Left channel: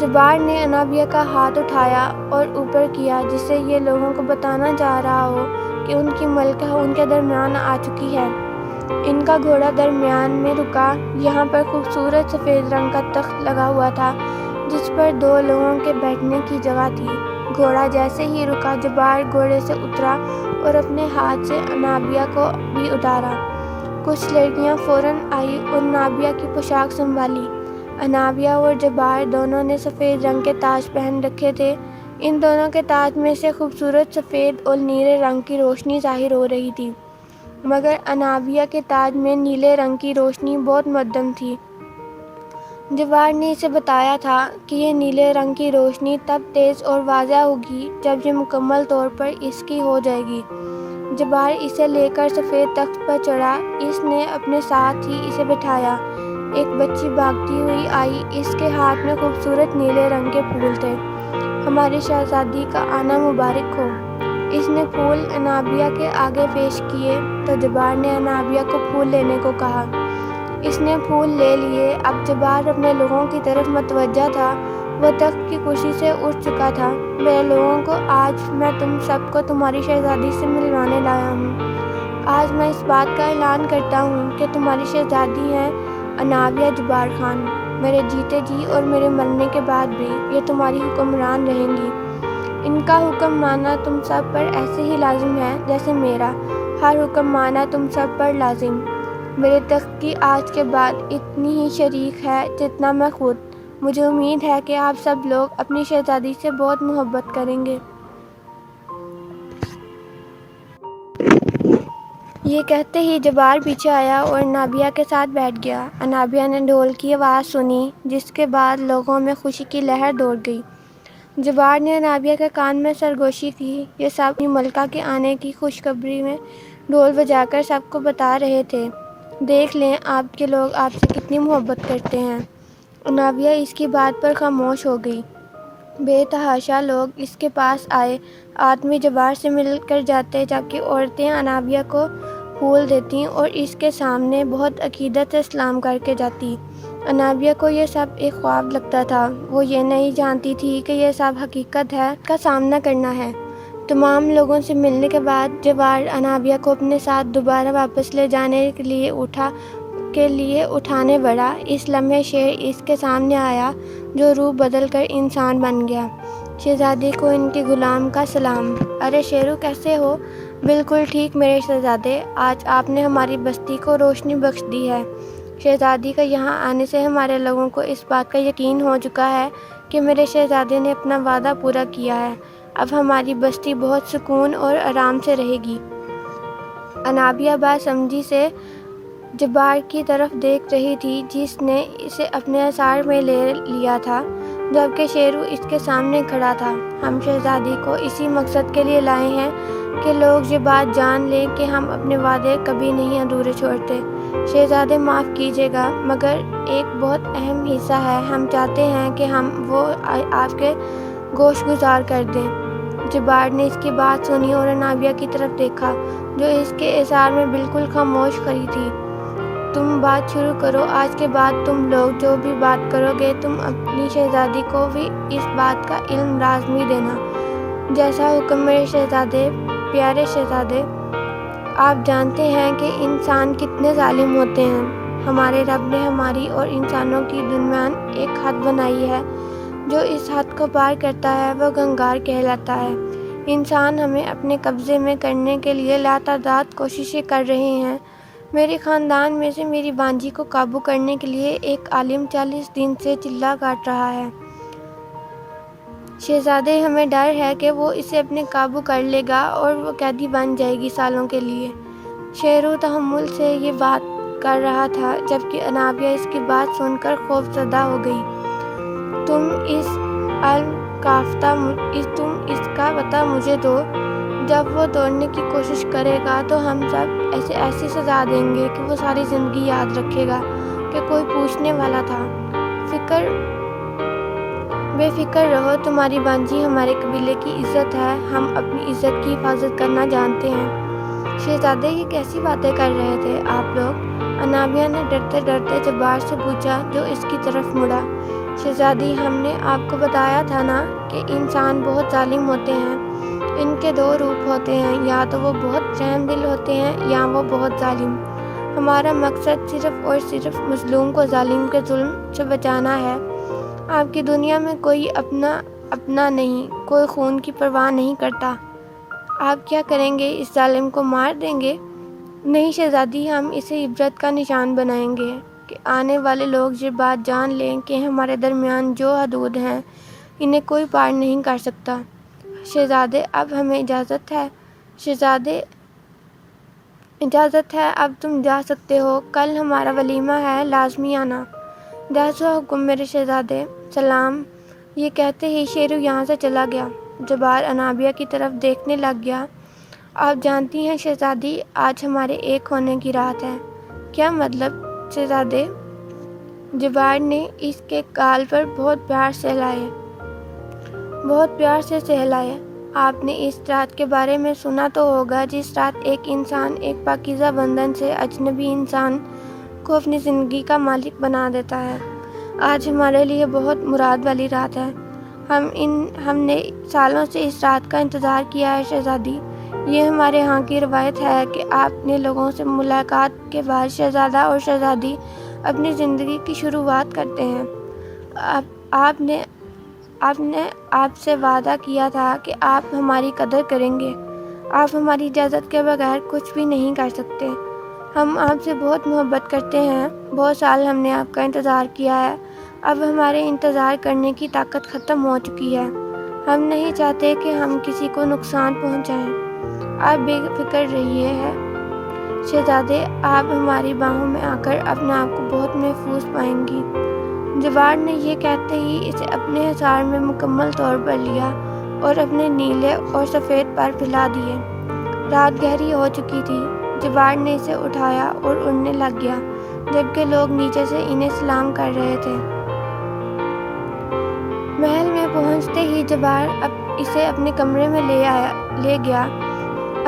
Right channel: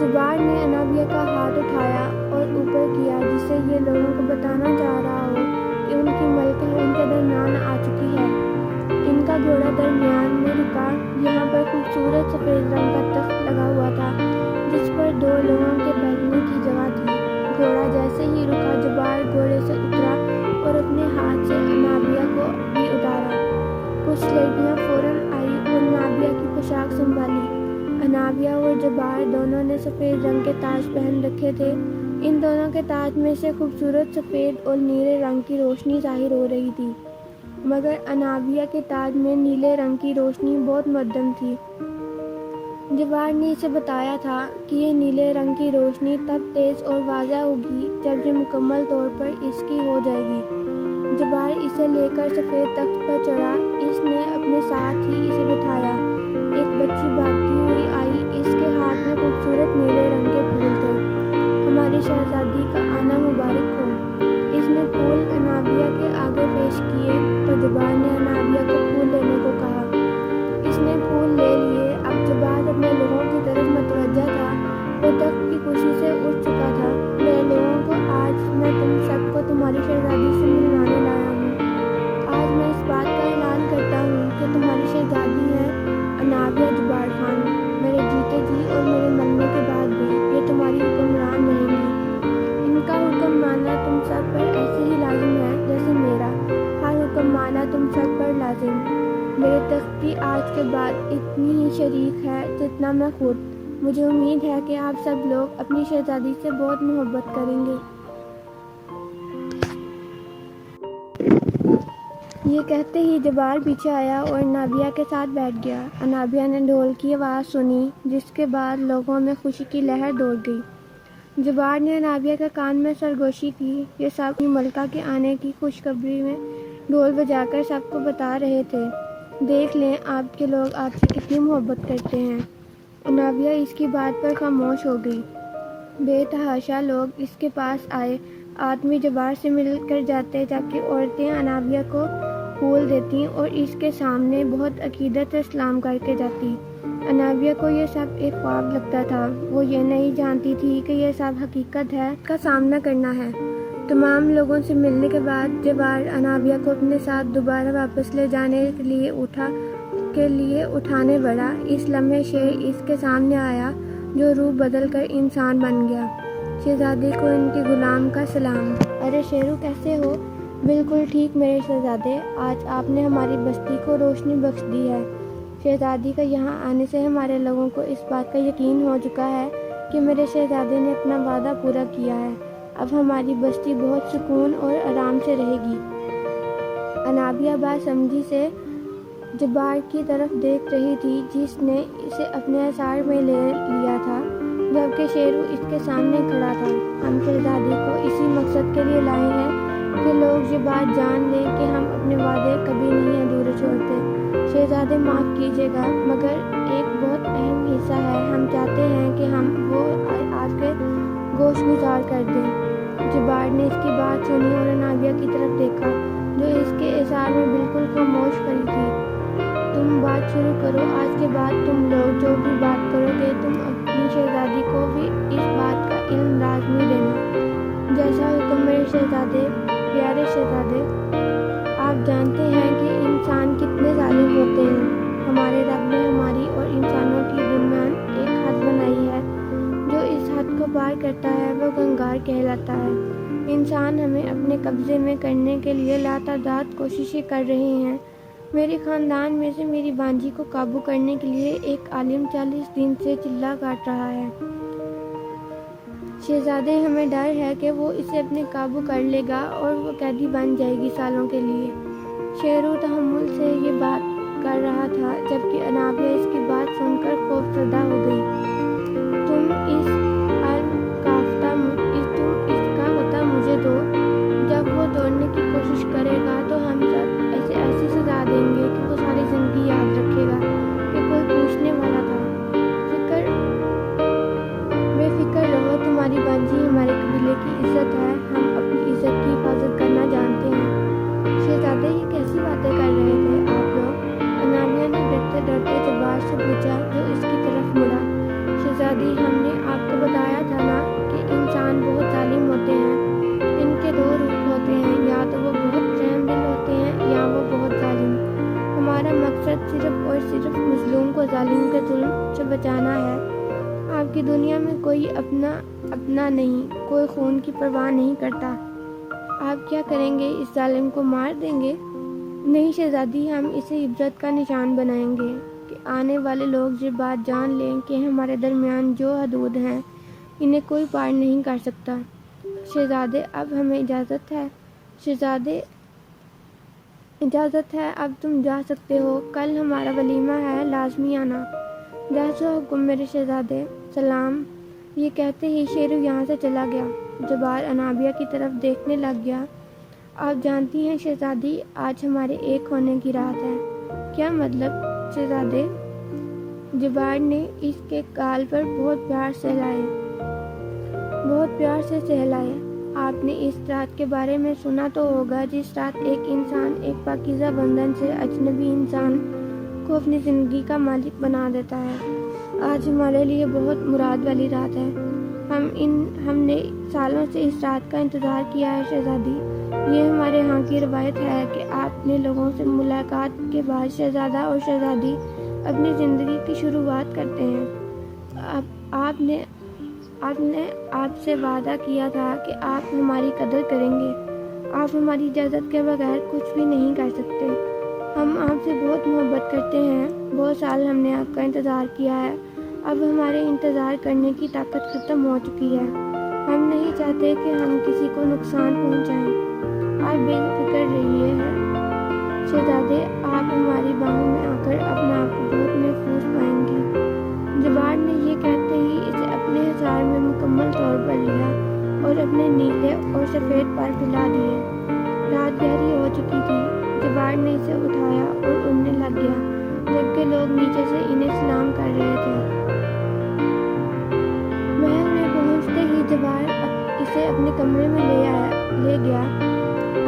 جبار نے انابیہ کا ہاتھ اٹھایا اور اوپر کیا، جس سے یہ لوگوں کو بتانا چاہ رہا ہو کہ ان کی ملکہ ان کے درمیان آ چکی ہے۔ ان کا گھوڑا درمیان میں رکا۔ یہاں پر خوبصورت سفید رنگ کا تخت لگا ہوا تھا جس پر 2 لوگوں کے بیٹھنے کی جگہ تھی۔ گھوڑا جیسے ہی رکا، جبار گھوڑے سے اترا اور اپنے ہاتھ سے انابیہ کو بھی اتارا۔ کچھ لڑکیاں فوراً آئی اور انابیہ کی پوشاک سنبھالی۔ انابیہ اور جبار دونوں نے سفید رنگ کے تاج پہن رکھے تھے۔ ان دونوں کے تاج میں سے خوبصورت سفید اور نیلے رنگ کی روشنی ظاہر ہو رہی تھی، مگر انابیہ کے تاج میں نیلے رنگ کی روشنی بہت مدھم تھی۔ جبار نے اسے بتایا تھا کہ یہ نیلے رنگ کی روشنی تب تیز اور واضح ہوگی جب یہ مکمل طور پر اس کی ہو جائے گی۔ جبار اسے لے کر سفید تخت پر چڑھا۔ اس نے اپنے ساتھ ہی اسے بٹھایا۔ ایک بچی بھاگتی ہوئی آئی، اس کے ہاتھ میں خوبصورت نیلے رنگ کے پھول تھے۔ ہماری شہزادی کا آنا مبارک ہو۔ اس نے پھول انابیہ کے آگے پیش کیے تو جبار نے انابیہ کو پھول لینے کو کہا۔ اس نے پھول لے لیے۔ اب جبار اپنے لوگوں کی طرف متوجہ تھا۔ وہ تخت کی خوشی سے اٹھ چکا تھا۔ میرے لوگوں کو، آج میں تم سب کو تمہاری شہزادی سے ملوانے لایا ہوں۔ آج میں اس بات کا اعلان کرتا ہوں کہ تمہاری شہزادی ہیں انابیہ جبار خان۔ میرے جیتے جی اور میرے مرنے کے بعد بھی یہ تمہاری حکمران رہیں گی۔ ان کا حکم ماننا تم سب پر ایسے ہی لازم ہے جیسے میرا ہر حکم ماننا تم سب پر لازم۔ میرے تخت کی آج کے بعد اتنی ہی شریک ہے جتنا میں خود۔ مجھے امید ہے کہ آپ سب لوگ اپنی شہزادی سے بہت محبت کریں گے۔ یہ کہتے ہی جبار پیچھے آیا اور انابیہ کے ساتھ بیٹھ گیا۔ انابیہ نے ڈھول کی آواز سنی، جس کے بعد لوگوں میں خوشی کی لہر دوڑ گئی۔ جبار نے انابیہ کے کان میں سرگوشی کی۔ یہ سب اپنی ملکہ کے آنے کی خوشخبری میں ڈھول بجا کر سب کو بتا رہے تھے۔ دیکھ لیں آپ کے لوگ آپ سے کتنی محبت کرتے ہیں۔ انابیہ اس کی بات پر خاموش ہو گئی۔ بے تحاشا لوگ اس کے پاس آئے۔ آدمی جبار سے مل کر جاتے، جبکہ عورتیں انابیہ کو پھول دیتی اور اس کے سامنے بہت عقیدت سے سلام کر کے جاتی۔ انابیہ کو یہ سب ایک خواب لگتا تھا۔ وہ یہ نہیں جانتی تھی کہ یہ سب حقیقت ہے کا سامنا کرنا ہے۔ تمام لوگوں سے ملنے کے بعد جبار انابیہ کو اپنے ساتھ دوبارہ واپس لے جانے کے لیے اٹھانے بڑھا۔ اس لمحے شیر اس کے سامنے آیا جو روح بدل کر انسان بن گیا۔ شہزادی کو ان کے غلام کا سلام۔ ارے شیرو، کیسے ہو؟ بالکل ٹھیک میرے شہزادے، آج آپ نے ہماری بستی کو روشنی بخش دی ہے۔ شہزادی کا یہاں آنے سے ہمارے لوگوں کو اس بات کا یقین ہو چکا ہے کہ میرے شہزادے نے اپنا وعدہ پورا کیا ہے۔ اب ہماری بستی بہت سکون اور آرام سے رہے گی۔ انابیہ باسمجھی سے جبار کی طرف دیکھ رہی تھی، جس نے اسے اپنے اثار میں لے لیا تھا، جبکہ شیرو اس کے سامنے کھڑا تھا۔ ہم شہزادی کو اسی مقصد کے لیے لائے ہیں کہ لوگ یہ بات جان لیں کہ ہم اپنے وعدے کبھی نہیں ادھورے چھوڑتے۔ شہزادے معاف کیجیے گا، مگر ایک بہت اہم حصہ ہے، ہم چاہتے ہیں کہ ہم وہ آپ کے گوش گزار کر دیں۔ جبار نے اس کی بات سنی اور انابیہ کی طرف دیکھا، جو اس کے اظہار میں بالکل خاموش کھڑی تھی۔ تم بات شروع کرو، آج کے بعد تم لوگ جو بھی بات کرو گے، تم اپنی شہزادی کو بھی اس بات کا علم لازمی دینا۔ جیسا حکم میرے شہزادے۔ پیارے شہزادے، آپ جانتے ہیں کہ انسان کتنے ظالم ہوتے ہیں۔ ہمارے رب نے ہماری اور انسانوں کے درمیان ایک حد بنائی ہے۔ جو اس حد کو پار کرتا ہے وہ گنگار کہلاتا ہے۔ انسان ہمیں اپنے قبضے میں کرنے کے لیے لاتعداد کوششیں کر رہے ہیں۔ میرے خاندان میں سے میری بانجی کو قابو کرنے کے لیے ایک عالم 40 دن سے چلہ کاٹ رہا ہے۔ شہزادے، ہمیں ڈر ہے کہ وہ اسے اپنے قابو کر لے گا اور وہ قیدی بن جائے گی سالوں کے لیے۔ شیرو تحمل سے یہ بات کر رہا تھا، جبکہ انابیہ اس کی بات سن کر خوف زدہ ہو گئی۔ تم اس کا پتہ مجھے دو۔ جب وہ توڑنے کی کوشش کرے گا تو ہم سب اسے ایسی سزا دیں گے کہ وہ ساری زندگی یاد رکھے گا کہ کوئی پوچھنے والا تھا۔ بے فکر رہو، تمہاری بانجی ہمارے قبیلے کی عزت ہے، ہم اپنی عزت کی حفاظت کرنا جانتے ہیں۔ شہزادے، یہ کیسی باتیں کر رہے تھے آپ لوگ؟ انابیہ نے ڈرتے ڈرتے جبار سے پوچھا، جو اس کی طرف مڑا۔ شہزادی، ہم نے آپ کو بتایا تھا نا کہ انسان بہت ظالم ہوتے ہیں۔ ان کے دو روپ ہوتے ہیں، یا تو وہ بہت رحم دل ہوتے ہیں یا وہ بہت ظالم۔ ہمارا مقصد صرف اور صرف مظلوم کو ظالم کے ظلم سے بچانا ہے۔ آپ کی دنیا میں کوئی اپنا نہیں، کوئی خون کی پرواہ نہیں کرتا۔ آپ کیا کریں گے؟ اس ظالم کو مار دیں گے؟ نہیں شہزادی، ہم اسے عبرت کا نشان بنائیں گے کہ آنے والے لوگ یہ بات جان لیں کہ ہمارے درمیان جو حدود ہیں انہیں کوئی پار نہیں کر سکتا۔ شہزادے، اب ہمیں اجازت ہے؟ شہزادے، اجازت ہے، اب تم جا سکتے ہو۔ کل ہمارا ولیمہ ہے، لازمی آنا۔ جیسا حکم میرے شہزادے۔ سلام۔ یہ کہتے ہی شیرو یہاں سے چلا گیا۔ جبار انابیہ کی طرف دیکھنے لگ گیا۔ آپ جانتی ہیں شہزادی، آج ہمارے ایک ہونے کی رات ہے۔ کیا مطلب شہزادے؟ جبار نے اس کے گال پر بہت پیار سے سہلائے۔ آپ نے اس رات کے بارے میں سنا تو ہوگا جس رات ایک انسان ایک پاکیزہ بندن سے اجنبی انسان کو اپنی زندگی کا مالک بنا دیتا ہے۔ آج ہمارے لیے بہت مراد والی رات ہے۔ ہم نے سالوں سے اس رات کا انتظار کیا ہے شہزادی۔ یہ ہمارے ہاں کی روایت ہے کہ اپنے لوگوں سے ملاقات کے بعد شہزادہ اور شہزادی اپنی زندگی کی شروعات کرتے ہیں۔ آپ نے آپ سے وعدہ کیا تھا کہ آپ ہماری قدر کریں گے۔ آپ ہماری اجازت کے بغیر کچھ بھی نہیں کر سکتے۔ ہم آپ سے بہت محبت کرتے ہیں۔ بہت سال ہم نے آپ کا انتظار کیا ہے۔ اب ہمارے انتظار کرنے کی طاقت ختم ہو چکی ہے۔ ہم نہیں چاہتے کہ ہم کسی کو نقصان پہنچائیں۔ آپ بے فکر رہیے ہیں شہزادے، آپ ہماری باہوں میں آ کر اپنے آپ کو بہت محفوظ پائیں گی۔ جبار نے یہ کہتے ہی اسے اپنے حصار میں مکمل طور پر لیا اور اپنے نیلے اور سفید پر پھیلا دیے۔ رات گہری ہو چکی تھی۔ جبار نے اسے اٹھایا اور اڑنے لگ گیا، جبکہ لوگ نیچے سے انہیں سلام کر رہے تھے۔ محل میں پہنچتے ہی جبار اسے اپنے کمرے میں لے گیا۔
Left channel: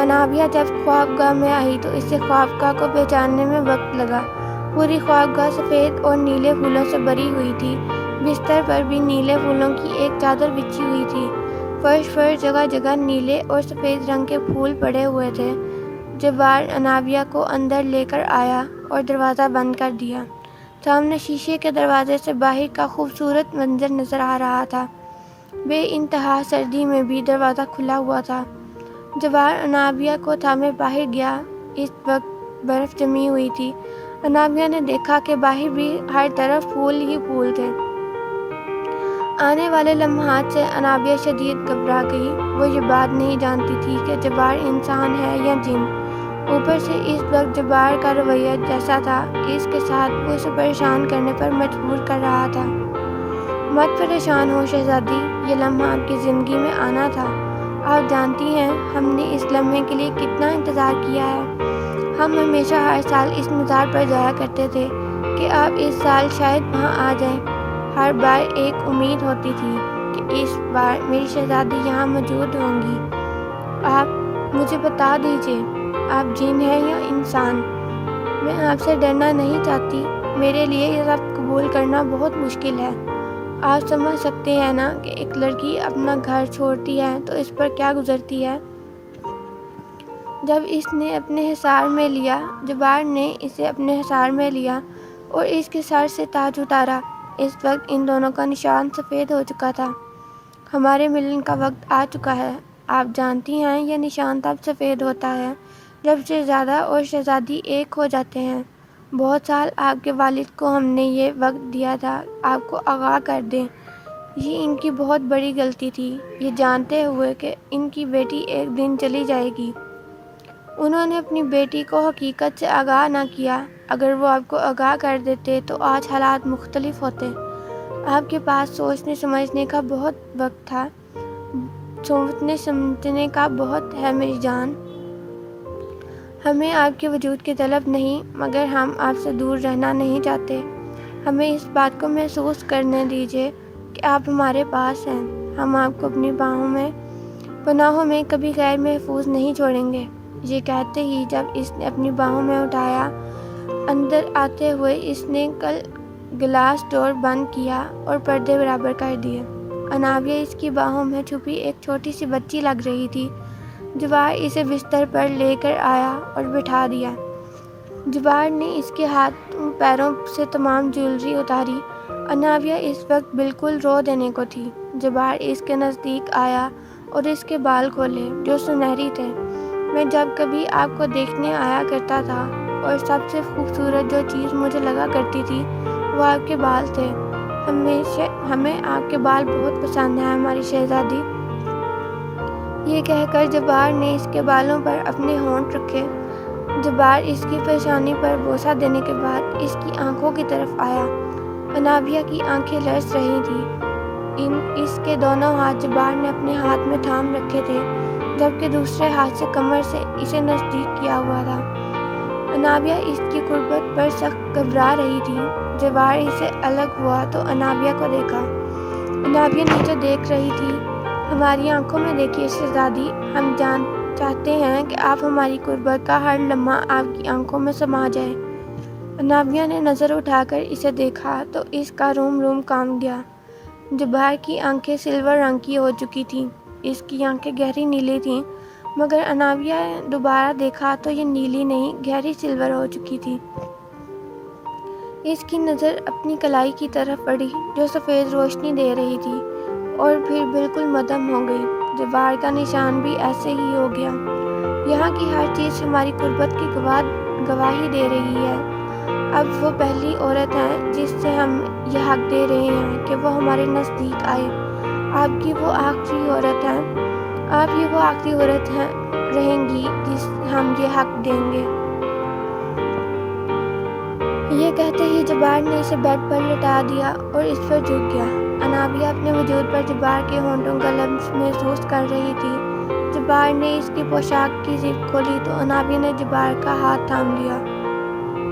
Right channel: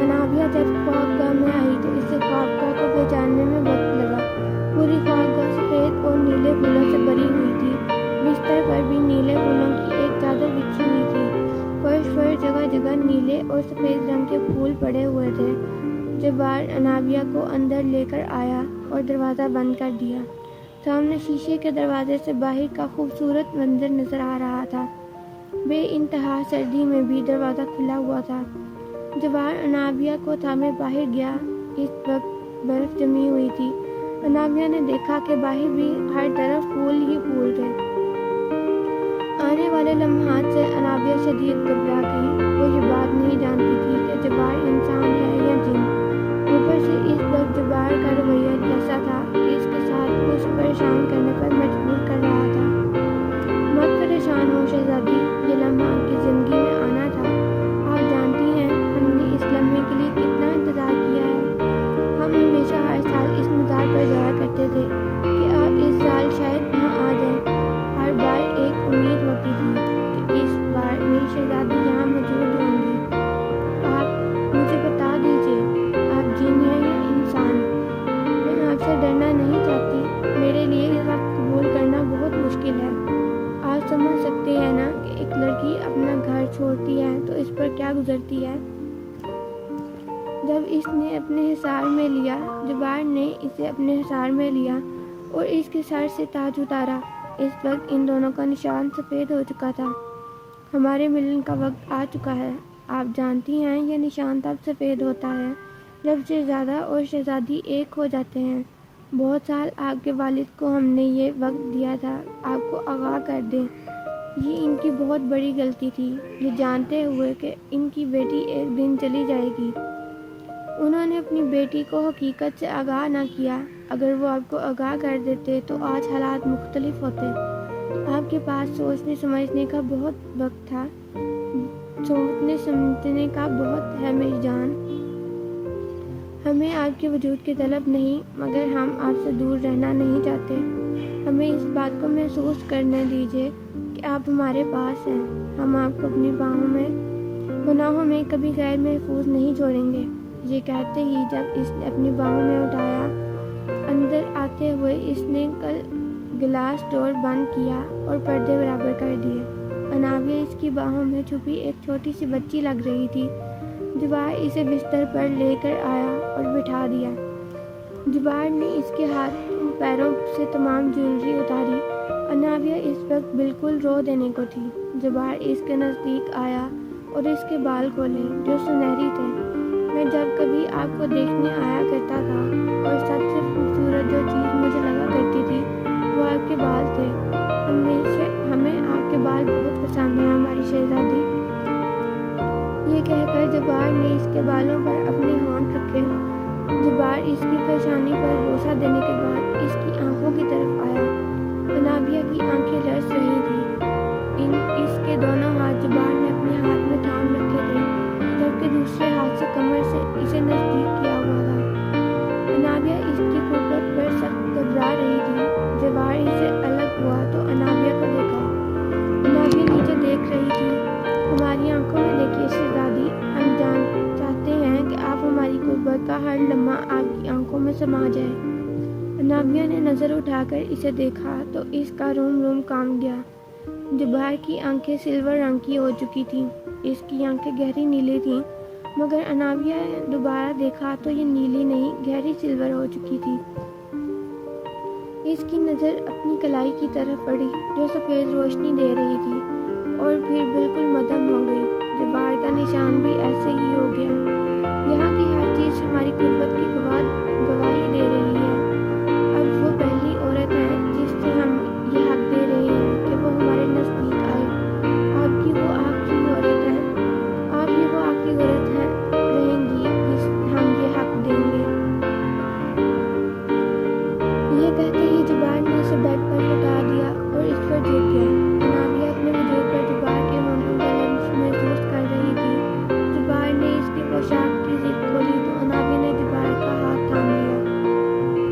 انابیہ جب خوابگاہ میں آئی تو اسے خوابگاہ کو پہچاننے میں وقت لگا۔ پوری خوابگاہ سفید اور نیلے پھولوں سے بھری ہوئی تھی۔ بستر پر بھی نیلے پھولوں کی ایک چادر بچھی ہوئی تھی۔ فرش پر جگہ جگہ نیلے اور سفید رنگ کے پھول پڑے ہوئے تھے۔ جبار انابیہ کو اندر لے کر آیا اور دروازہ بند کر دیا۔ سامنے شیشے کے دروازے سے باہر کا خوبصورت منظر نظر آ رہا تھا۔ بے انتہا سردی میں بھی دروازہ کھلا ہوا تھا۔ جبار انابیہ کو تھامے باہر گیا۔ اس وقت برف جمی ہوئی تھی۔ انابیہ نے دیکھا کہ باہر بھی ہر طرف پھول ہی پھول تھے۔ آنے والے لمحات سے انابیہ شدید گھبرا گئی۔ وہ یہ بات نہیں جانتی تھی کہ جبار انسان ہے یا جن۔ اوپر سے اس وقت جبار کا رویہ جیسا تھا کہ اس کے ساتھ وہ اسے پریشان کرنے پر مجبور کر رہا تھا۔ مت پریشان ہو شہزادی، یہ لمحہ آپ کی زندگی میں آنا تھا۔ آپ جانتی ہیں ہم نے اس لمحے کے لیے کتنا انتظار کیا ہے۔ ہم ہمیشہ ہر سال اس مزار پر جایا کرتے تھے کہ آپ اس سال شاید وہاں آ جائیں۔ ہر بار ایک امید ہوتی تھی کہ اس بار میری شہزادی یہاں موجود ہوں گی۔ آپ مجھے بتا دیجیے، آپ جن ہیں یا انسان؟ میں آپ سے ڈرنا نہیں چاہتی۔ میرے لیے یہ سب قبول کرنا بہت مشکل ہے۔ آپ سمجھ سکتے ہیں نا کہ ایک لڑکی اپنا گھر چھوڑتی ہے تو اس پر کیا گزرتی ہے۔ جب اس نے اپنے حصار میں لیا، جبار نے اسے اپنے حصار میں لیا اور اس کے سر سے تاج اتارا۔ اس وقت ان دونوں کا نشان سفید ہو چکا تھا۔ ہمارے ملن کا وقت آ چکا ہے۔ آپ جانتی ہیں یہ نشان تب سفید ہوتا ہے جب شہزادہ اور شہزادی ایک ہو جاتے ہیں۔ بہت سال آپ کے والد کو ہم نے یہ وقت دیا تھا آپ کو آگاہ کر دیں۔ یہ ان کی بہت بڑی غلطی تھی، یہ جانتے ہوئے کہ ان کی بیٹی ایک دن چلی جائے گی۔ انہوں نے اپنی بیٹی کو حقیقت سے آگاہ نہ کیا۔ اگر وہ آپ کو آگاہ کر دیتے تو آج حالات مختلف ہوتے۔ آپ کے پاس سوچنے سمجھنے کا بہت وقت تھا۔ سوچنے سمجھنے کا بہت ہے میری جان۔ ہمیں آپ کے وجود کی طلب نہیں، مگر ہم آپ سے دور رہنا نہیں چاہتے۔ ہمیں اس بات کو محسوس کرنے دیجیے کہ آپ ہمارے پاس ہیں۔ ہم آپ کو اپنی پناہوں میں کبھی غیر محفوظ نہیں چھوڑیں گے۔ یہ کہتے ہی جب اس نے اپنی باہوں میں اٹھایا، اندر آتے ہوئے اس نے گلاس ڈور بند کیا اور پردے برابر کر دیے۔ انابیہ اس کی باہوں میں چھپی ایک چھوٹی سی بچی لگ رہی تھی۔ جبار اسے بستر پر لے کر آیا اور بٹھا دیا۔ جبار نے اس کے ہاتھوں پیروں سے تمام جیولری اتاری۔ انابیہ اس وقت بالکل رو دینے کو تھی۔ جبار اس کے نزدیک آیا اور اس کے بال کھولے جو سنہری تھے۔ میں جب کبھی آپ کو دیکھنے آیا کرتا تھا اور سب سے خوبصورت جو چیز مجھے لگا کرتی تھی وہ آپ کے بال تھے۔ ہمیں آپ کے بال بہت پسند ہیں ہماری شہزادی۔ یہ کہہ کر جبار نے اس کے بالوں پر اپنے ہونٹ رکھے۔ جبار اس کی پیشانی پر بوسہ دینے کے بعد اس کی آنکھوں کی طرف آیا۔ انابیہ کی آنکھیں لرز رہی تھیں۔ اس کے دونوں ہاتھ جبار نے اپنے ہاتھ میں تھام رکھے تھے جبکہ دوسرے ہاتھ سے کمر سے اسے نزدیک کیا ہوا تھا۔ انابیہ اس کی قربت پر سخت گھبرا رہی تھی۔ جبار اسے الگ ہوا تو انابیہ کو دیکھا۔ انابیہ نیچے دیکھ رہی تھی۔ ہماری آنکھوں میں دیکھیے شہزادی، ہم چاہتے ہیں کہ آپ ہماری قربت کا ہر لمحہ آپ کی آنکھوں میں سما جائے۔ انابیہ نے نظر اٹھا کر اسے دیکھا تو اس کا روم روم کانپ گیا۔ جبار کی آنکھیں سلور رنگ کی ہو چکی تھیں۔ اس کی آنکھیں گہری نیلی تھیں مگر انابیہ نے دوبارہ دیکھا تو یہ نیلی نہیں گہری سلور ہو چکی تھی۔ اس کی نظر اپنی کلائی کی طرف پڑی جو سفید روشنی دے رہی تھی اور پھر بالکل مدھم ہو گئی۔ جبار کا نشان بھی ایسے ہی ہو گیا۔ یہاں کی ہر چیز ہماری قربت کی گواہی دے رہی ہے۔ اب وہ پہلی عورت ہے جس سے ہم یہ حق دے رہے ہیں کہ وہ ہمارے نزدیک آئے۔ آپ کی وہ آخری عورت ہیں۔ آپ یہ وہ آخری عورت ہیں رہیں گی جس ہم یہ حق دیں گے۔ یہ کہتے ہی جبار نے اسے بیڈ پر لٹا دیا اور اس پر جھک گیا۔ انابیہ اپنے وجود پر جبار کے ہونٹوں کا لمس محسوس کر رہی تھی۔ جبار نے اس کی پوشاک کی زپ کھولی تو انابیہ نے جبار کا ہاتھ تھام لیا۔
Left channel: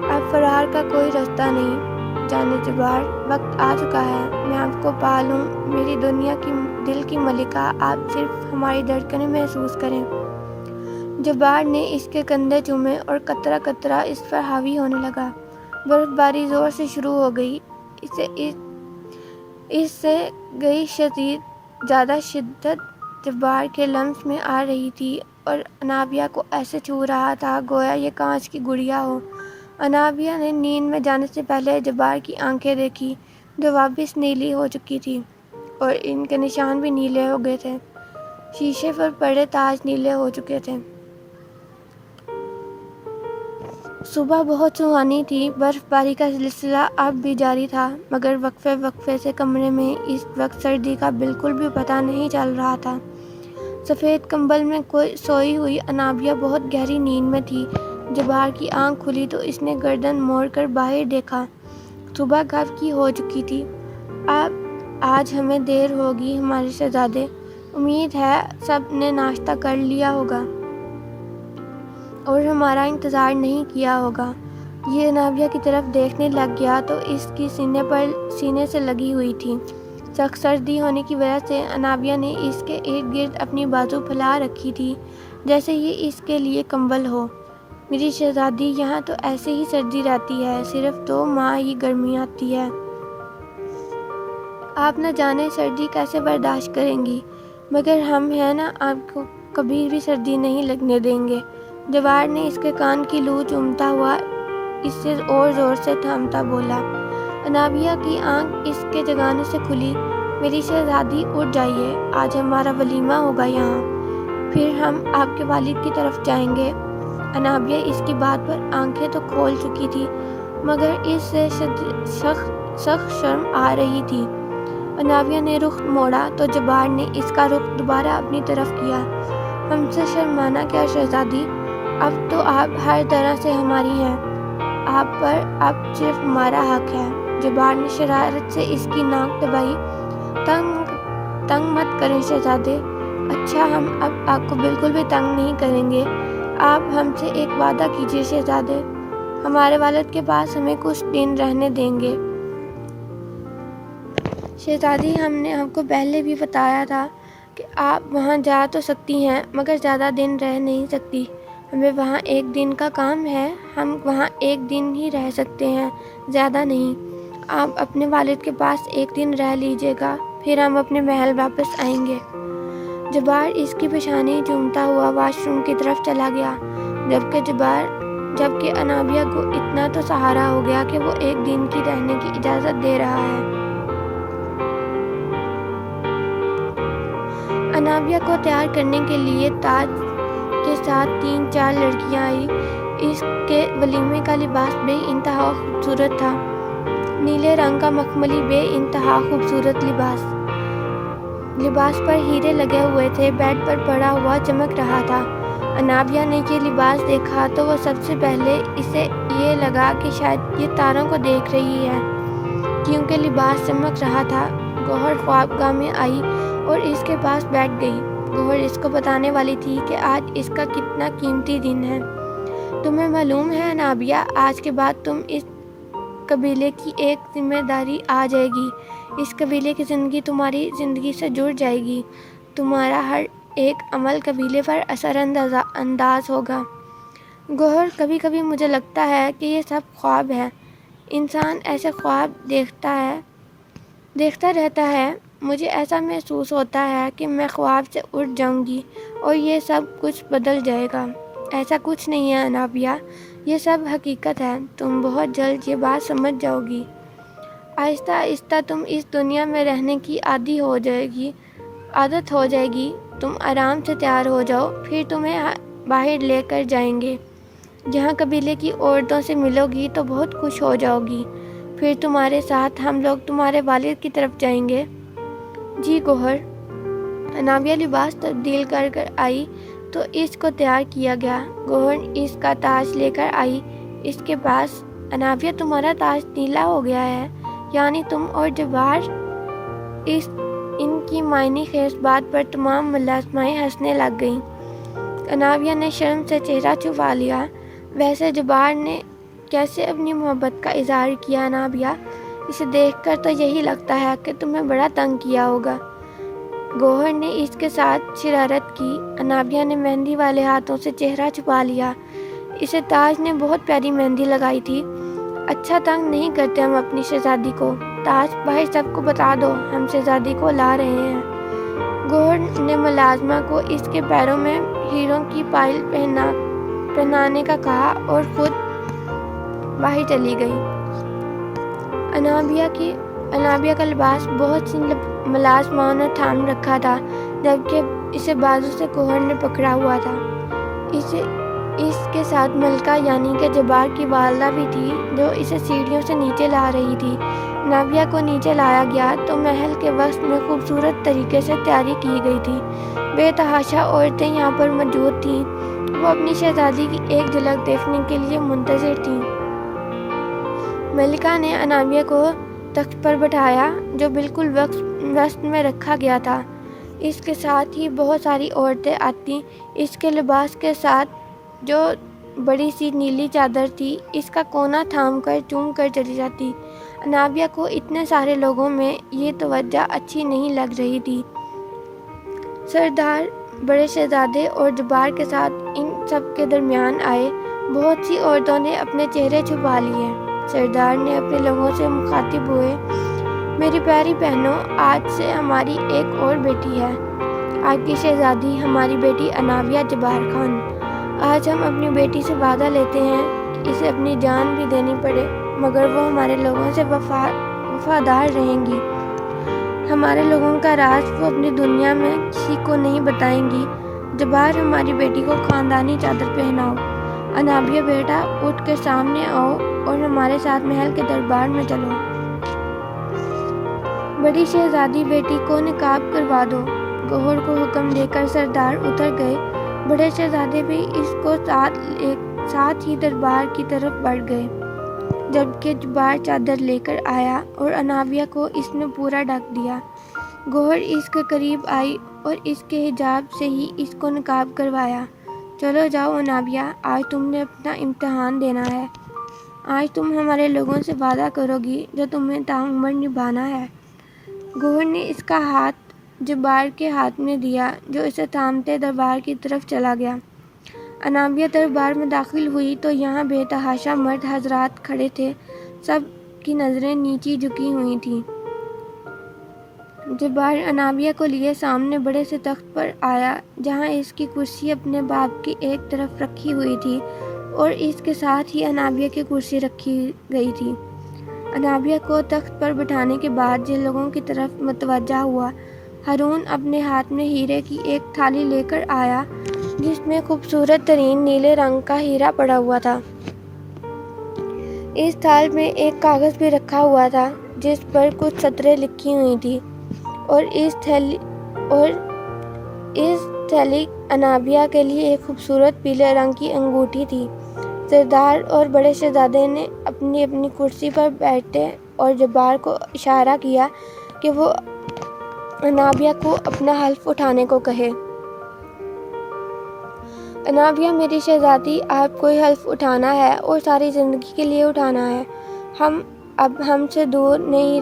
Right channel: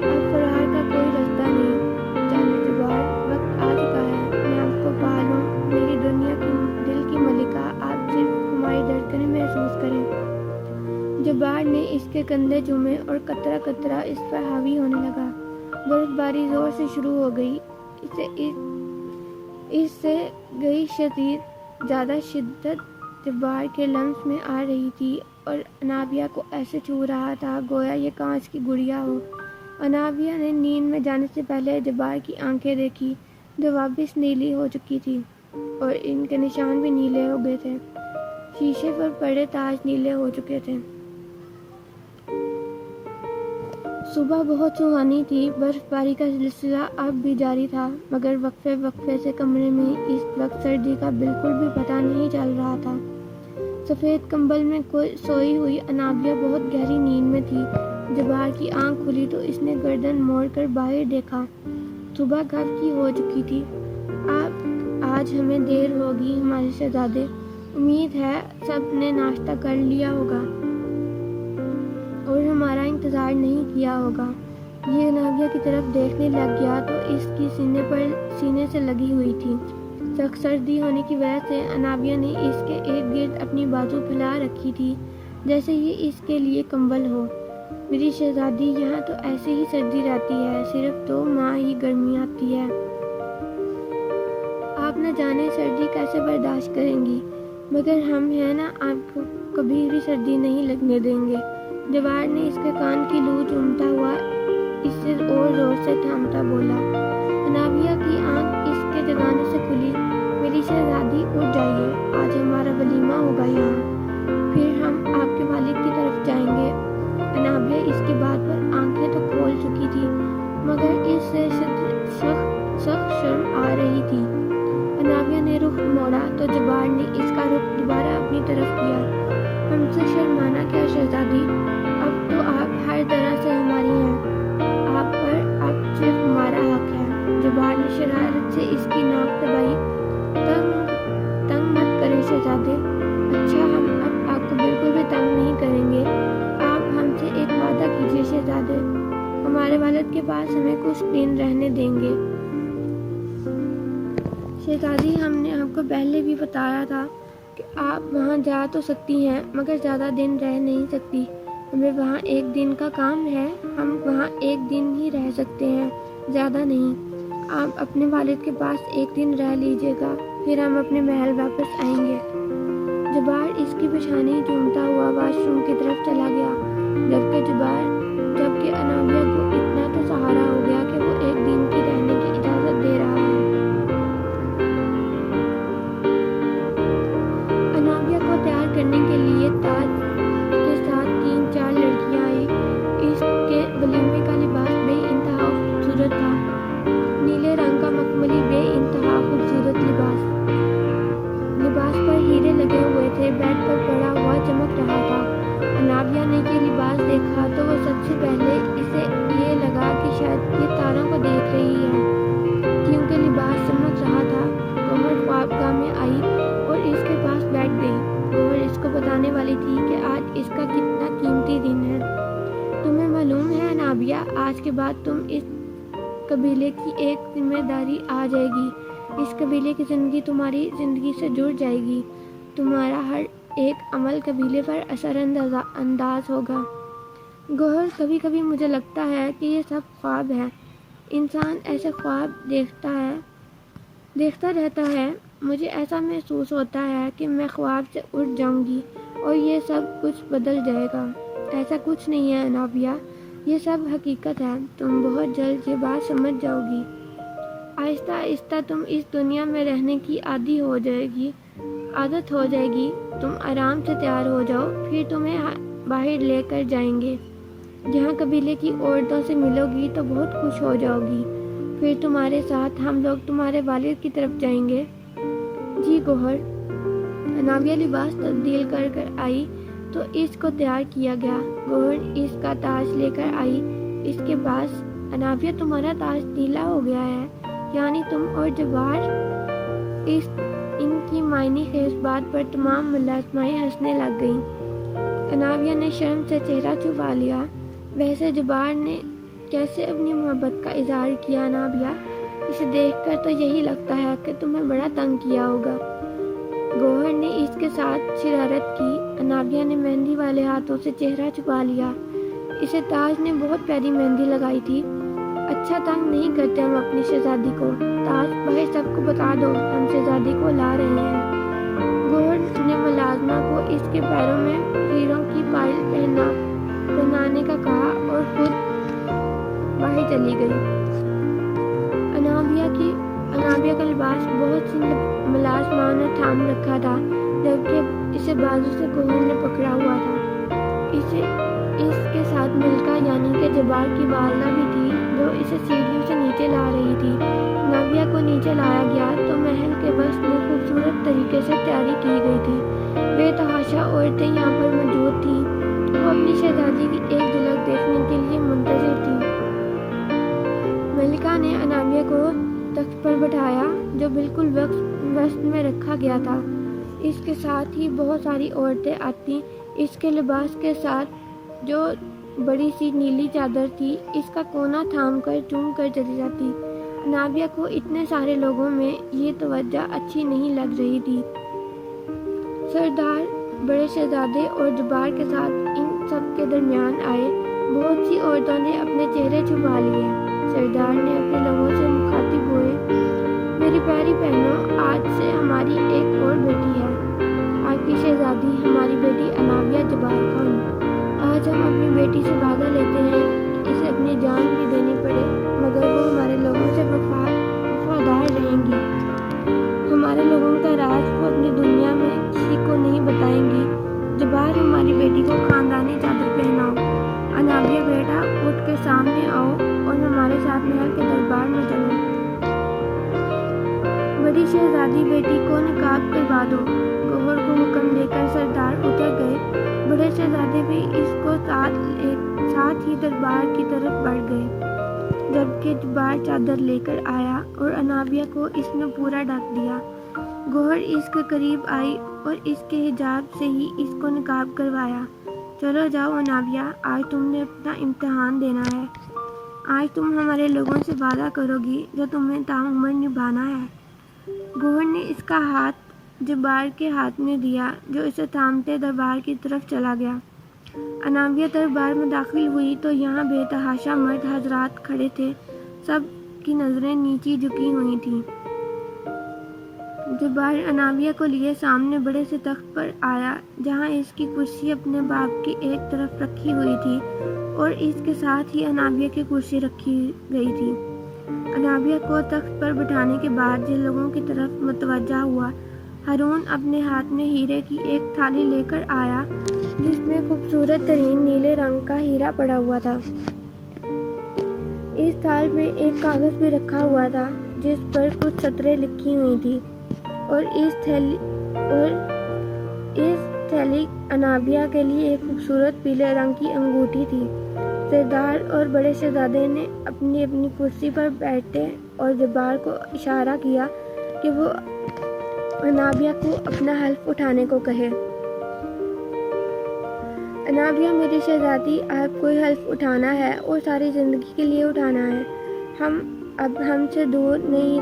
اب فرار کا کوئی راستہ نہیں جانے جبار، وقت آ چکا ہے۔ میں آپ کو پا لوں میری دنیا کی دل کی ملکہ، آپ صرف ہماری دھڑکنیں محسوس کریں۔ جبار نے اس کے کندھے چومے اور قطرہ قطرہ اس پر حاوی ہونے لگا۔ برف باری زور سے شروع ہو گئی۔ اس سے گئی زیادہ شدت جبار کے لمس میں آ رہی تھی اور انابیہ کو ایسے چھو رہا تھا گویا یہ کانچ کی گڑیا ہو۔ انابیہ نے نیند میں جانے سے پہلے جبار کی آنکھیں دیکھی جو واپس نیلی ہو چکی تھی اور ان کے نشان بھی نیلے ہو گئے تھے۔ شیشے پر پڑے تاج نیلے ہو چکے تھے۔ صبح بہت سہانی تھی۔ برف باری کا سلسلہ اب بھی جاری تھا مگر وقفے وقفے سے کمرے میں اس وقت سردی کا بالکل بھی پتہ نہیں چل رہا تھا۔ سفید کمبل میں سوئی ہوئی انابیہ بہت گہری نیند میں تھی۔ جبار کی آنکھ کھلی تو اس نے گردن موڑ کر باہر دیکھا۔ صبح کب کی ہو چکی تھی۔ آج ہمیں دیر ہوگی ہمارے شہزادے، امید ہے سب نے ناشتہ کر لیا ہوگا اور ہمارا انتظار نہیں کیا ہوگا۔ یہ انابیہ کی طرف دیکھنے لگ گیا تو اس کی سینے سے لگی ہوئی تھی۔ سخت سردی ہونے کی وجہ سے انابیہ نے اس کے ارد گرد اپنی بازو پھیلا رکھی تھی جیسے یہ اس کے لیے کمبل ہو۔ میری شہزادی، یہاں تو ایسے ہی سردی رہتی ہے، صرف 2 ماہ ہی گرمی آتی ہے۔ آپ نہ جانے سردی کیسے برداشت کریں گی، مگر ہم ہیں نا، آپ کو کبھی بھی سردی نہیں لگنے دیں گے۔ جبار نے اس کے کان کی لو چومتا ہوا اس سے اور زور سے تھامتا بولا۔ انابیہ کی آنکھ اس کے جگانے سے کھلی۔ میری شہزادی اٹھ جائیے، آج ہمارا ولیمہ ہوگا یہاں، پھر ہم آپ کے والد کی طرف جائیں گے۔ انابیہ اس کی بات پر آنکھیں تو کھول چکی تھی مگر اس سے سخت شرم آ رہی تھی۔ انابیہ نے رخ موڑا تو جبار نے اس کا رخ دوبارہ اپنی طرف کیا۔ ہم سے شرمانا کیا شہزادی، اب تو آپ ہر طرح سے ہماری ہیں، آپ پر اب صرف ہمارا حق ہے۔ جبار نے شرارت سے اس کی ناک دبائی۔ تنگ مت کریں شہزادے۔ اچھا، ہم اب آپ کو بالکل بھی تنگ نہیں کریں گے۔ آپ ہم سے ایک وعدہ کیجیے شہزادے، ہمارے والد کے پاس ہمیں کچھ دن رہنے دیں گے۔ شہزادی، ہم نے آپ کو پہلے بھی بتایا تھا کہ آپ وہاں جا تو سکتی ہیں مگر زیادہ دن رہ نہیں سکتی۔ ہمیں وہاں 1 دن کا کام ہے، ہم وہاں 1 دن ہی رہ سکتے ہیں، زیادہ نہیں۔ آپ اپنے والد کے پاس ایک دن رہ لیجیے گا، پھر ہم اپنے محل واپس آئیں گے۔ جبار اس کی پیشانی چومتا ہوا واش روم کی طرف چلا گیا، جبکہ انابیہ کو اتنا تو سہارا ہو گیا کہ وہ ایک دن کی رہنے کی اجازت دے رہا ہے۔ انابیہ کو تیار کرنے کے لیے تاج کے ساتھ 3-4 لڑکیاں آئی۔ اس کے ولیمے کا لباس بے انتہا خوبصورت تھا، نیلے رنگ کا مخملی بے انتہا خوبصورت لباس پر ہیرے لگے ہوئے تھے، بیڈ پر پڑا ہوا چمک رہا تھا۔ انابیہ نے یہ لباس دیکھا تو وہ سب سے پہلے اسے یہ لگا کہ شاید یہ تاروں کو دیکھ رہی ہے، کیونکہ لباس چمک رہا تھا۔ گوہر خوابگاہ میں آئی اور اس کے پاس بیٹھ گئی۔ گوہر اس کو بتانے والی تھی کہ آج اس کا کتنا قیمتی دن ہے۔ تمہیں معلوم ہے انابیہ، آج کے بعد تم اس قبیلے کی ایک ذمہ داری آ جائے گی۔ اس قبیلے کی زندگی تمہاری زندگی سے جڑ جائے گی۔ تمہارا ہر ایک عمل قبیلے پر اثر انداز ہوگا۔ گوہر، کبھی کبھی مجھے لگتا ہے کہ یہ سب خواب ہے۔ انسان ایسے خواب دیکھتا رہتا ہے۔ مجھے ایسا محسوس ہوتا ہے کہ میں خواب سے اٹھ جاؤں گی اور یہ سب کچھ بدل جائے گا۔ ایسا کچھ نہیں ہے انابیہ، یہ سب حقیقت ہے۔ تم بہت جلد یہ بات سمجھ جاؤ گی۔ آہستہ آہستہ تم اس دنیا میں رہنے کی عادت ہو جائے گی۔ تم آرام سے تیار ہو جاؤ، پھر تمہیں باہر لے کر جائیں گے، جہاں قبیلے کی عورتوں سے ملو گی تو بہت خوش ہو جاؤ گی۔ پھر تمہارے ساتھ ہم لوگ تمہارے والد کی طرف جائیں گے۔ جی گوہر۔ انابیہ لباس تبدیل کر آئی تو اس کو تیار کیا گیا۔ گوہر اس کا تاج لے کر آئی اس کے پاس۔ انابیہ، تمہارا تاج نیلا ہو گیا ہے، یعنی تم اور جبار۔ ان کی معنی خیز بات پر تمام ملازمائیں ہنسنے لگ گئیں۔ انابیہ نے شرم سے چہرہ چھپا لیا۔ ویسے جبار نے کیسے اپنی محبت کا اظہار کیا انابیہ؟ اسے دیکھ کر تو یہی لگتا ہے کہ تمہیں بڑا تنگ کیا ہوگا۔ گوہر نے اس کے ساتھ شرارت کی۔ انابیہ نے مہندی والے ہاتھوں سے چہرہ چھپا لیا۔ اسے تاج نے بہت پیاری مہندی لگائی تھی۔ اچھا، تنگ نہیں کرتے ہم اپنی شہزادی کو۔ تاج، باہر سب کو بتا دو ہم شہزادی کو لا رہے ہیں۔ گوہر نے ملازمہ کو اس کے پیروں میں ہیروں کی پائل پہنانے کا کہا اور خود باہر چلی گئی۔ انابیہ کا لباس بہت سی ملازماؤں نے تھام رکھا تھا، جبکہ اسے بازو سے گوہر نے پکڑا ہوا تھا۔ اس کے ساتھ ملکہ یعنی کہ جبار کی والدہ بھی تھی، جو اسے سیڑھیوں سے نیچے لا رہی تھی۔ انابیہ کو نیچے لایا گیا تو محل کے وسط میں خوبصورت طریقے سے تیاری کی گئی تھی۔ بے تحاشا عورتیں یہاں پر موجود تھیں۔ وہ اپنی شہزادی کی ایک جھلک دیکھنے کے لیے منتظر تھیں۔ ملکہ نے انابیہ کو تخت پر بٹھایا، جو بالکل وسط میں رکھا گیا تھا۔ اس کے ساتھ ہی بہت ساری عورتیں آتی، اس کے لباس کے ساتھ جو بڑی سی نیلی چادر تھی، اس کا کونا تھام کر چوم کر چلی جاتی۔ انابیہ کو اتنے سارے لوگوں میں یہ توجہ اچھی نہیں لگ رہی تھی۔ سردار بڑے شہزادے اور جبار کے ساتھ ان سب کے درمیان آئے۔ بہت سی عورتوں نے اپنے چہرے چھپا لیے۔ سردار نے اپنے لوگوں سے مخاطب ہوئے، میری پیاری بہنوں، آج سے ہماری ایک اور بیٹی ہے، آپ کی شہزادی، ہماری بیٹی انابیہ جبار خان۔ آج ہم اپنی بیٹی سے وعدہ لیتے ہیں کہ اسے اپنی جان بھی دینی پڑے مگر وہ ہمارے لوگوں سے وفادار رہیں گی۔ ہمارے لوگوں کا راز وہ اپنی دنیا میں کسی کو نہیں بتائیں گی۔ جبار، ہماری بیٹی کو خاندانی چادر پہناؤ۔ انابیہ بیٹا، اٹھ کے سامنے آؤ اور ہمارے ساتھ محل کے دربار میں چلو۔ بڑی شہزادی، بیٹی کو نقاب کروا دو۔ گوہر کو حکم دے کر سردار اتر گئے۔ بڑے شہزادے بھی اس کو ساتھ ہی دربار کی طرف بڑھ گئے، جبکہ جبار چادر لے کر آیا اور انابیہ کو اس نے پورا ڈھک دیا۔ گوہر اس کے قریب آئی اور اس کے حجاب سے ہی اس کو نقاب کروایا۔ چلو جاؤ انابیہ، آج تم نے اپنا امتحان دینا ہے۔ آج تم ہمارے لوگوں سے وعدہ کرو گی جو تمہیں تاعمر نبھانا ہے۔ گوہر نے اس کا ہاتھ جبار کے ہاتھ میں دیا، جو اسے تھامتے دربار کی طرف چلا گیا۔ انابیہ دربار میں داخل ہوئی تو یہاں بے تحاشا مرد حضرات کھڑے تھے۔ سب کی نظریں نیچی جھکی ہوئی تھیں۔ جبار انابیہ کو لیے سامنے بڑے سے تخت پر آیا جہاں اس کی کرسی اپنے باپ کی ایک طرف رکھی ہوئی تھی اور اس کے ساتھ ہی انابیہ کی کرسی رکھی گئی تھی۔ انابیہ کو تخت پر بٹھانے کے بعد جن لوگوں کی طرف متوجہ ہوا، ہارون اپنے ہاتھ میں ہیرے کی ایک تھالی لے کر آیا جس میں خوبصورت ترین نیلے رنگ کا ہیرا پڑا ہوا تھا۔ اس تھال میں ایک کاغذ بھی رکھا ہوا تھا جس پر کچھ سطریں لکھی ہوئی تھیں اور اس تھیلی انابیہ کے لیے ایک خوبصورت پیلے رنگ کی انگوٹھی تھی۔ سردار اور بڑے شہزادے نے اپنی اپنی کرسی پر بیٹھے اور جبار کو اشارہ کیا کہ وہ انابیہ کو اپنا حلف اٹھانے کو کہے۔ انابیہ میری شہزادی، آپ کوئی حلف اٹھانا ہے اور ساری زندگی کے لیے اٹھانا ہے۔ ہم اب ہم سے دور نہیں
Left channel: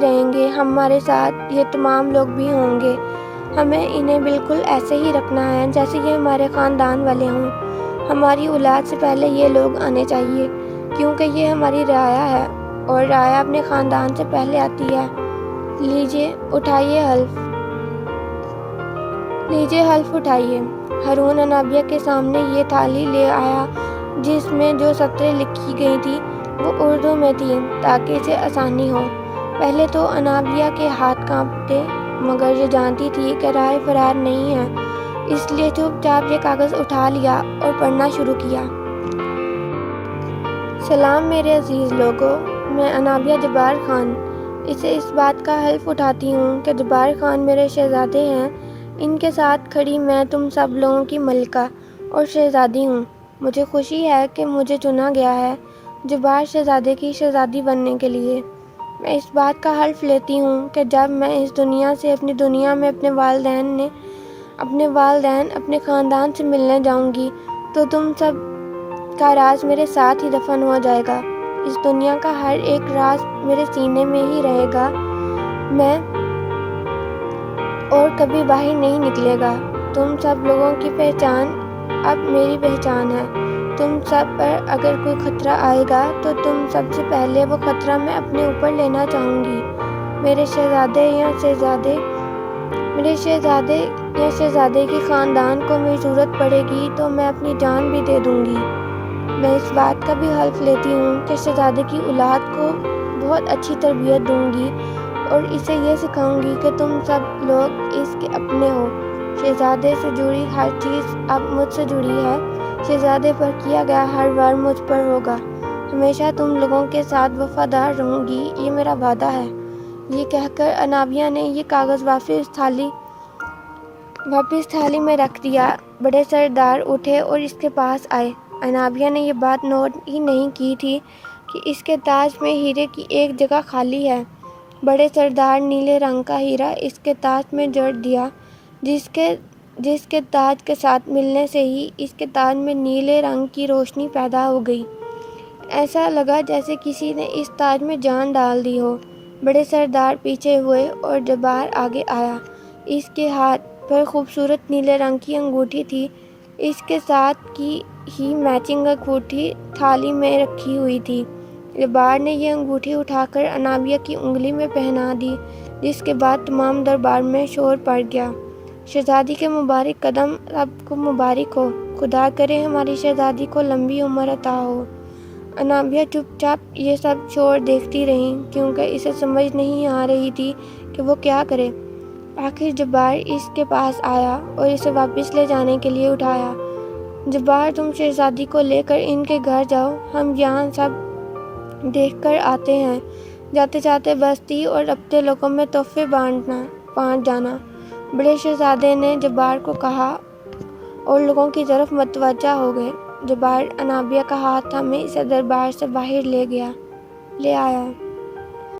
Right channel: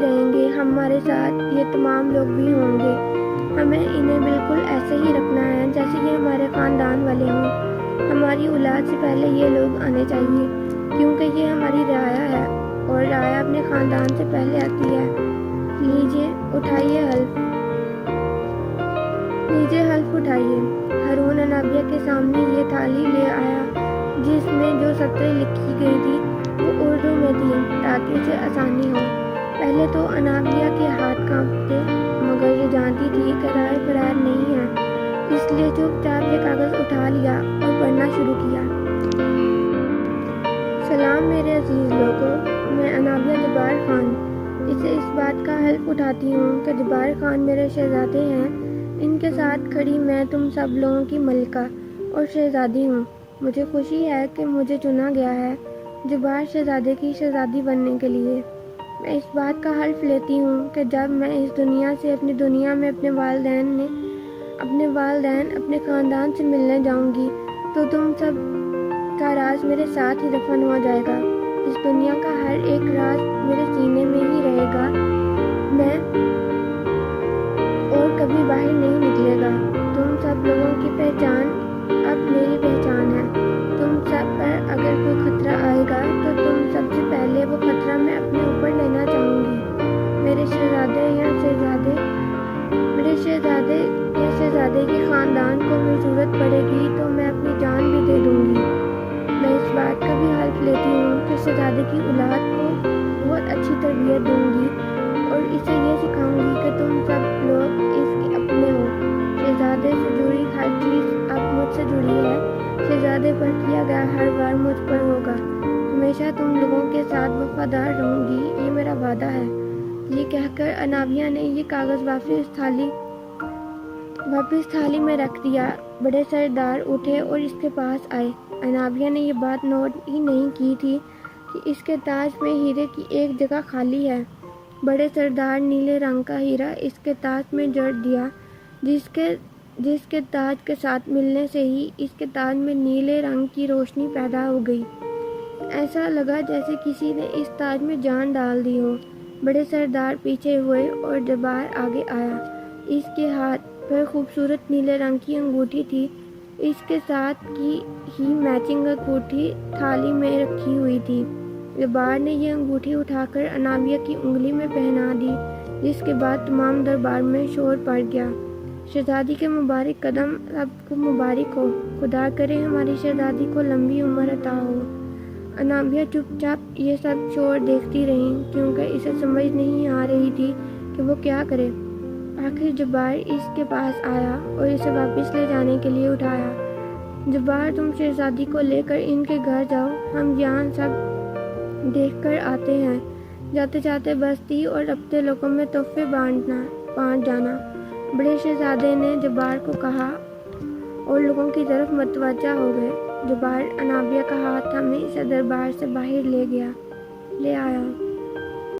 رہیں گے، ہمارے ساتھ یہ تمام لوگ بھی ہوں گے۔ ہمیں انہیں بالکل ایسے ہی رکھنا ہے جیسے یہ ہمارے خاندان والے ہوں۔ ہماری اولاد سے پہلے یہ لوگ آنے چاہیے کیونکہ یہ ہماری رعایا ہے اور رعایا اپنے خاندان سے پہلے آتی ہے۔ لیجیے حلف اٹھائیے۔ ہارون انابیہ کے سامنے یہ تھالی لے آیا جس میں جو سطریں لکھی گئی تھی وہ اردو میں تھیں تاکہ اسے آسانی ہو۔ پہلے تو انابیہ کے ہاتھ کانپتے مگر یہ جانتی تھی کہ رائے فرار نہیں ہے، اس لیے چپ چاپ یہ کاغذ اٹھا لیا اور پڑھنا شروع کیا۔ سلام میرے عزیز لوگوں، میں انابیہ جبار خان اسے اس بات کا حلف اٹھاتی ہوں کہ جبار خان میرے شہزادے ہیں۔ ان کے ساتھ کھڑی میں تم سب لوگوں کی ملکہ اور شہزادی ہوں۔ مجھے خوشی ہے کہ مجھے چنا گیا ہے جبار شہزادے کی شہزادی بننے کے لیے۔ میں اس بات کا حلف لیتی ہوں کہ جب میں اس دنیا سے اپنی دنیا میں اپنے والدین اپنے خاندان سے ملنے جاؤں گی تو تم سب کا راز میرے ساتھ ہی دفن ہو جائے گا۔ اس دنیا کا ہر ایک راز میرے سینے میں ہی رہے گا اور کبھی باہر نہیں نکلے گا۔ تم سب لوگوں کی پہچان اب میری پہچان ہے۔ تم سب پر اگر کوئی خطرہ آئے گا تو تم سب سے پہلے وہ خطرہ میں اپنے اوپر لینا چاہوں گی۔ میرے شہزادے یا شہزادے کے خاندان کو کوئی ضرورت پڑے گی تو میں اپنی جان بھی دے دوں گی۔ میں اس بات کا بھی حلف لیتی ہوں کہ شہزادے کی اولاد کو بہت اچھی تربیت دوں گی اور اسے یہ سکھاؤں گی کہ تم سب لوگ اس کے اپنے ہو۔ شہزادے سے جڑی ہر چیز اب مجھ سے جڑی ہے۔ شہزادے پر کیا گیا ہر وار مجھ پر ہوگا۔ ہمیشہ تم لوگوں کے ساتھ وفادار رہوں گی، یہ میرا وعدہ ہے۔ یہ کہہ کر انابیہ نے یہ کاغذ واپس تھالی میں رکھ دیا۔ بڑے سردار اٹھے اور اس کے پاس آئے۔ انابیہ نے یہ بات نوٹ ہی نہیں کی تھی کہ اس کے تاج میں ہیرے کی ایک جگہ خالی ہے۔ بڑے سردار نیلے رنگ کا ہیرا اس کے تاج میں جڑ دیا جس کے تاج کے ساتھ ملنے سے ہی اس کے تاج میں نیلے رنگ کی روشنی پیدا ہو گئی۔ ایسا لگا جیسے کسی نے اس تاج میں جان ڈال دی ہو۔ بڑے سردار پیچھے ہوئے اور جبار آگے آیا۔ اس کے ہاتھ پر خوبصورت نیلے رنگ کی انگوٹھی تھی۔ اس کے ساتھ کی ہی میچنگ انگوٹھی تھالی میں رکھی ہوئی تھی۔ جبار نے یہ انگوٹھی اٹھا کر انابیہ کی انگلی میں پہنا دی جس کے بعد تمام دربار میں شور پڑ گیا۔ شہزادی کے مبارک قدم سب کو مبارک ہو، خدا کرے ہماری شہزادی کو لمبی عمر عطا ہو۔ انابیہ چپ چاپ یہ سب شور دیکھتی رہی کیونکہ اسے سمجھ نہیں آ رہی تھی کہ وہ کیا کرے۔ آخر جبار اس کے پاس آیا اور اسے واپس لے جانے کے لیے اٹھایا۔ جبار تم شہزادی کو لے کر ان کے گھر جاؤ، ہم یہاں سب دیکھ کر آتے ہیں۔ جاتے جاتے بستی اور اپنے لوگوں میں تحفے بانٹ جانا۔ بڑے شہزادے نے جبار کو کہا اور لوگوں کی طرف متوجہ ہو گئے۔ جبار انابیہ کا ہاتھ تھامے اسے دربار سے باہر لے آیا۔